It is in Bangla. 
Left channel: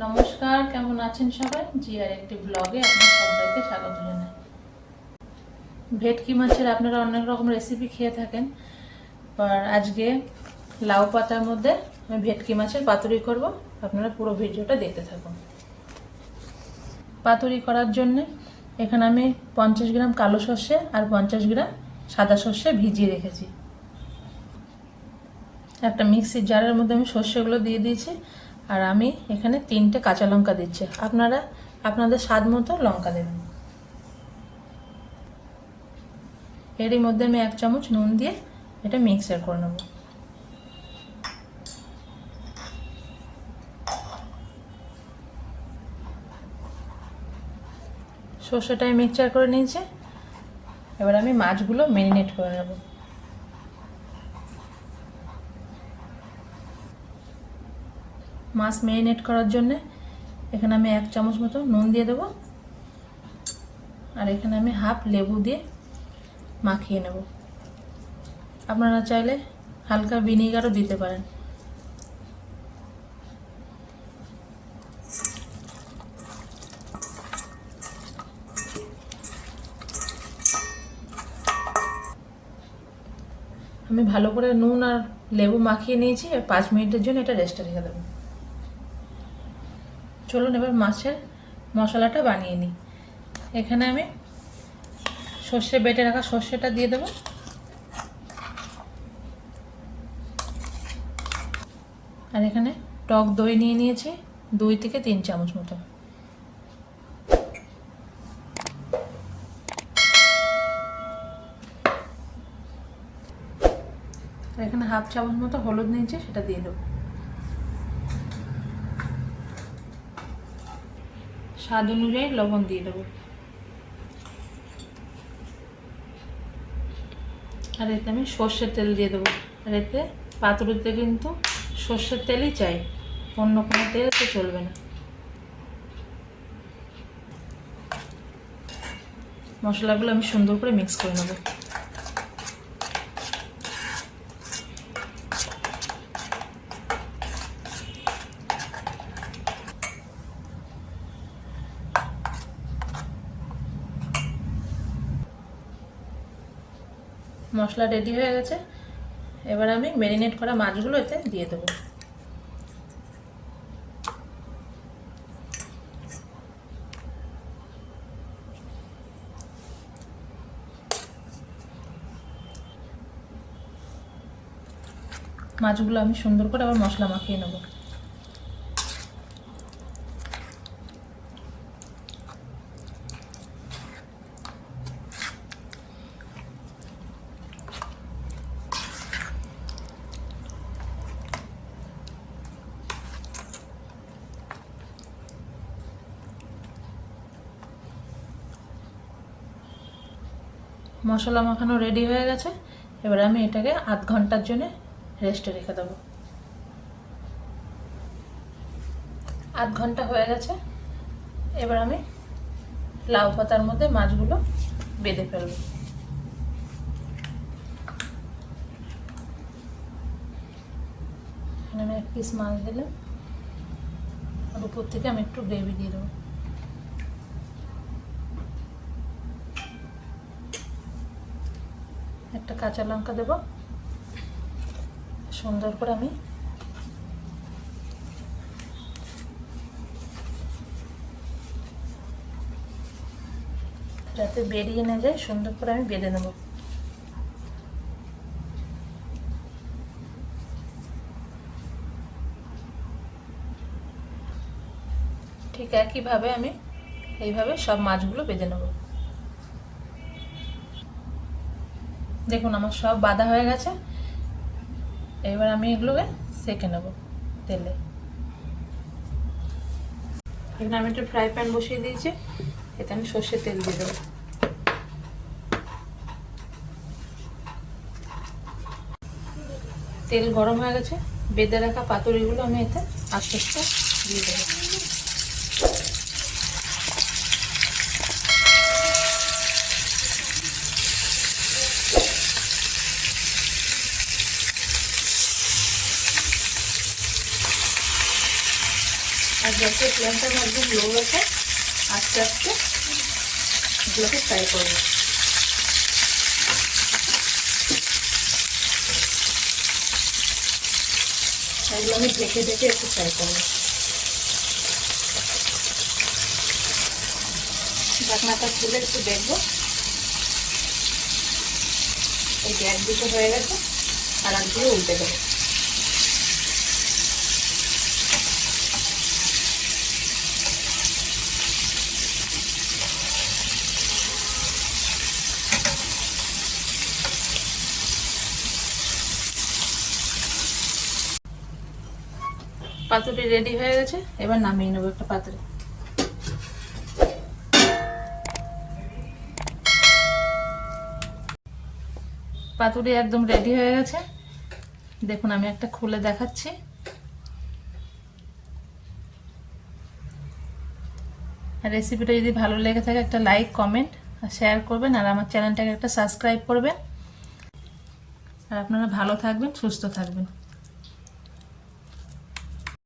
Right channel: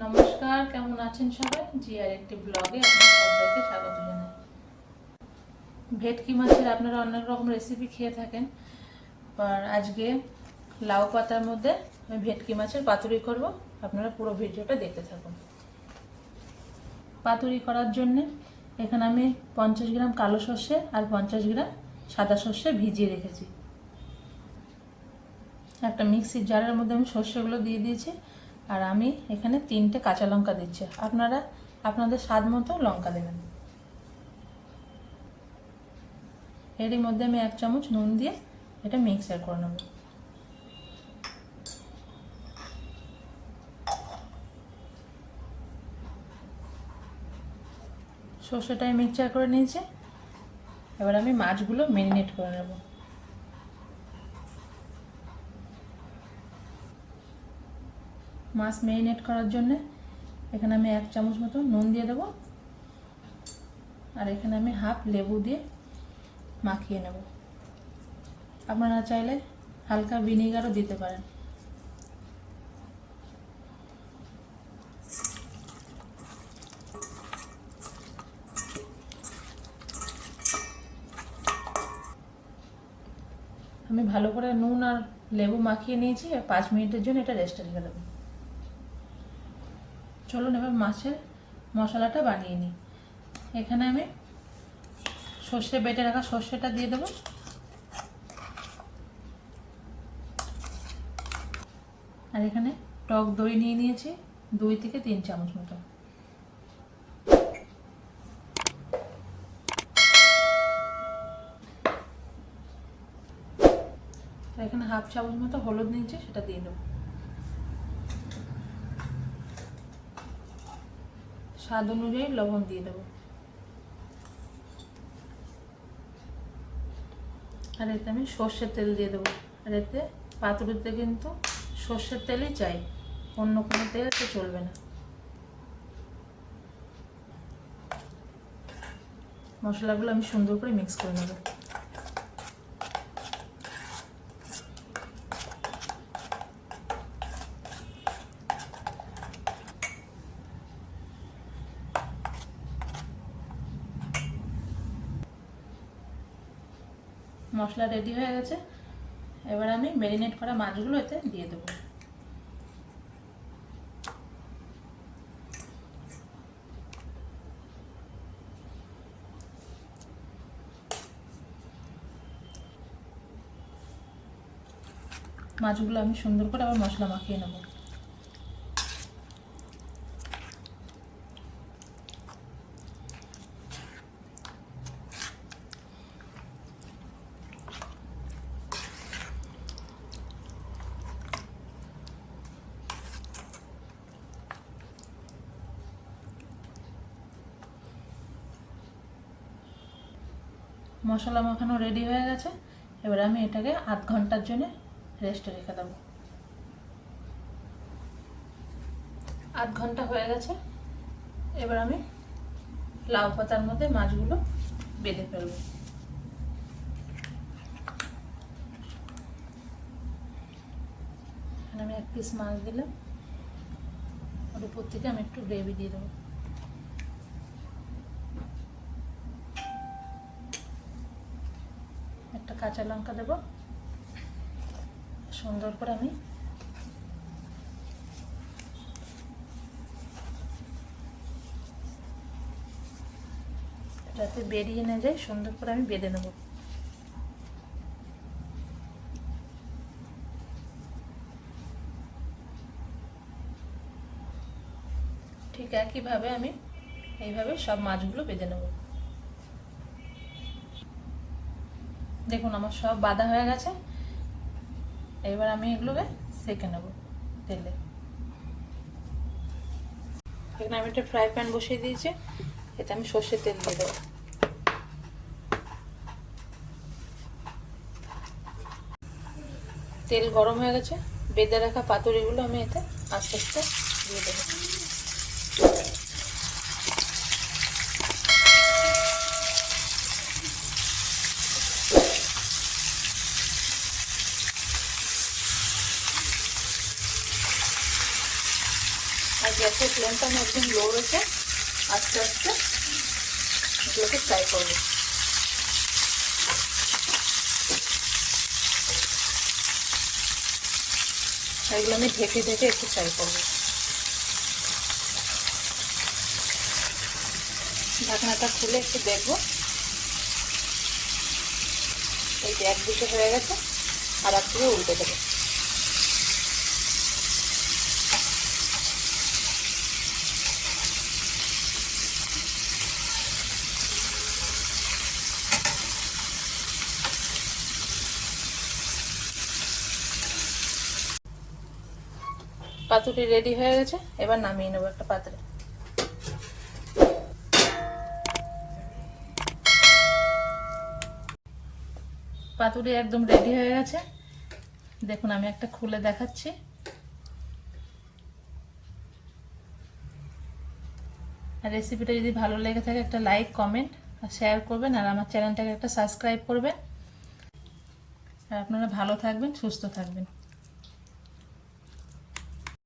নমস্কার, কেমন আছেন সবাই? জিআর একটি ব্লগে আপনাদের সবাইকে স্বাগত জানাই। ভেটকি মাছের আপনারা অনেক রকম রেসিপি খেয়ে থাকেন, আর আজকে লাউ পাতার মধ্যে আমি ভেটকি মাছের পাতুরি করব। আপনারা পুরো ভিডিওটা দেখতে থাকুন। পাতুরি করার জন্য এখানে আমি 50 গ্রাম কালো সর্ষে আর 50 গ্রাম সাদা সর্ষে ভিজিয়ে রেখেছি। একটা মিক্সির জারের মধ্যে আমি সর্ষেগুলো দিয়ে দিয়েছি, আর আমি এখানে 3টে কাঁচা লঙ্কা দিচ্ছি। আপনারা আপনাদের স্বাদ মতো লঙ্কা দেবেন। এরই মধ্যে আমি 1 চামচ নুন দিয়ে এটা মিক্সার করে নেব। সর্ষেটাই মিক্সচার করে নিয়েছি। এবার আমি মাছগুলো ম্যারিনেট করে নেব। মাছ ম্যারিনেট করার জন্য এখানে আমি 1 চামচ মতো নুন দিয়ে দেবো, আর এখানে আমি হাফ লেবু দিয়ে মাখিয়ে নেব। আপনারা চাইলে হালকা ভিনিগারও দিতে পারেন। আমি ভালো করে নুন আর লেবু মাখিয়ে নিয়েছি, আর 5 মিনিটের জন্য এটা রেস্টে রেখে দেবো। চলুন এবার মাছের মশলাটা বানিয়ে নিই। এখানে আমি সর্ষে বেটে রাখা সর্ষেটা দিয়ে দেবো, আর এখানে টক দই নিয়ে নিয়েছি 2 থেকে 3 চামচ মতো। এখানে হাফ চামচ মতো হলুদ নিয়েছি, সেটা দিয়ে দেবো। স্বাদ অনুযায়ী লবণ দিয়ে দেবো, আর এতে আমি সর্ষের তেল দিয়ে দেবো। আর এতে পাতুরিতে কিন্তু সর্ষের তেলই চাই, অন্য কোনো তেল এতে চলবে না। মশলাগুলো আমি সুন্দর করে মিক্স করে নেব। মশলা রেডি হয়ে গেছে। এবার আমি ম্যারিনেট করা মাছগুলো এতে দিয়ে দেবো। মাছগুলো আমি সুন্দর করে আবার মশলা মাখিয়ে নেব। মশলা মাখানো রেডি হয়ে গেছে। এবার আমি এটাকে আধ ঘন্টার জন্য রেস্টে রেখে দেবো। আধ ঘন্টা হয়ে গেছে। এবার আমি লাউ পাতার মধ্যে মাছগুলো বেঁধে ফেলবো। এখানে আমি 1 পিস মাছ দিলাম, আর উপর থেকে আমি একটু গ্রেভি দিয়ে দেবো। একটা কাঁচা লঙ্কা দেবো। সুন্দর করে আমি যাতে বেরিয়ে না যায়, সুন্দর করে আমি বেঁধে নেব। ঠিক একইভাবে আমি এইভাবে সব মাছগুলো বেঁধে নেব। দেখুন আমার সব বাঁধা হয়ে গেছে। এবার আমি এগুলোকে সেঁকে নেব তেলে। এখানে আমি একটা ফ্রাই প্যান বসিয়ে দিয়েছি, এতে আমি সর্ষের তেল দিয়ে দেবো। তেল গরম হয়ে গেছে। বেঁধে রাখা পাতুরিগুলো আমি এতে আস্তে আস্তে দিয়ে দেবো। আর গ্যাসের ফ্লেমটা আমি একদম লো রেখে আস্তে আস্তে এগুলোকে ফ্রাই করবো। এগুলো আমি ঢেকে ঢেকে একটু ফ্রাই করবো। ঢাকনাটা খুলে একটু দেখবো, এই যে একদিকে হয়ে গেছে, আর একদিকে উল্টে দেবো। পাতুরি রেডি হয়ে গেছে, এবার নামিয়ে নেবো একটা পাত্রে। পাতুরি একদম রেডি হয়ে গেছে, দেখুন আমি একটা খুলে দেখাচ্ছি। আর রেসিপিটা যদি ভালো লেগে থাকে একটা লাইক, কমেন্ট আর শেয়ার করবেন, আর আমার চ্যানেলটাকে একটা সাবস্ক্রাইব করবেন। আর আপনারা ভালো থাকবেন, সুস্থ থাকবেন।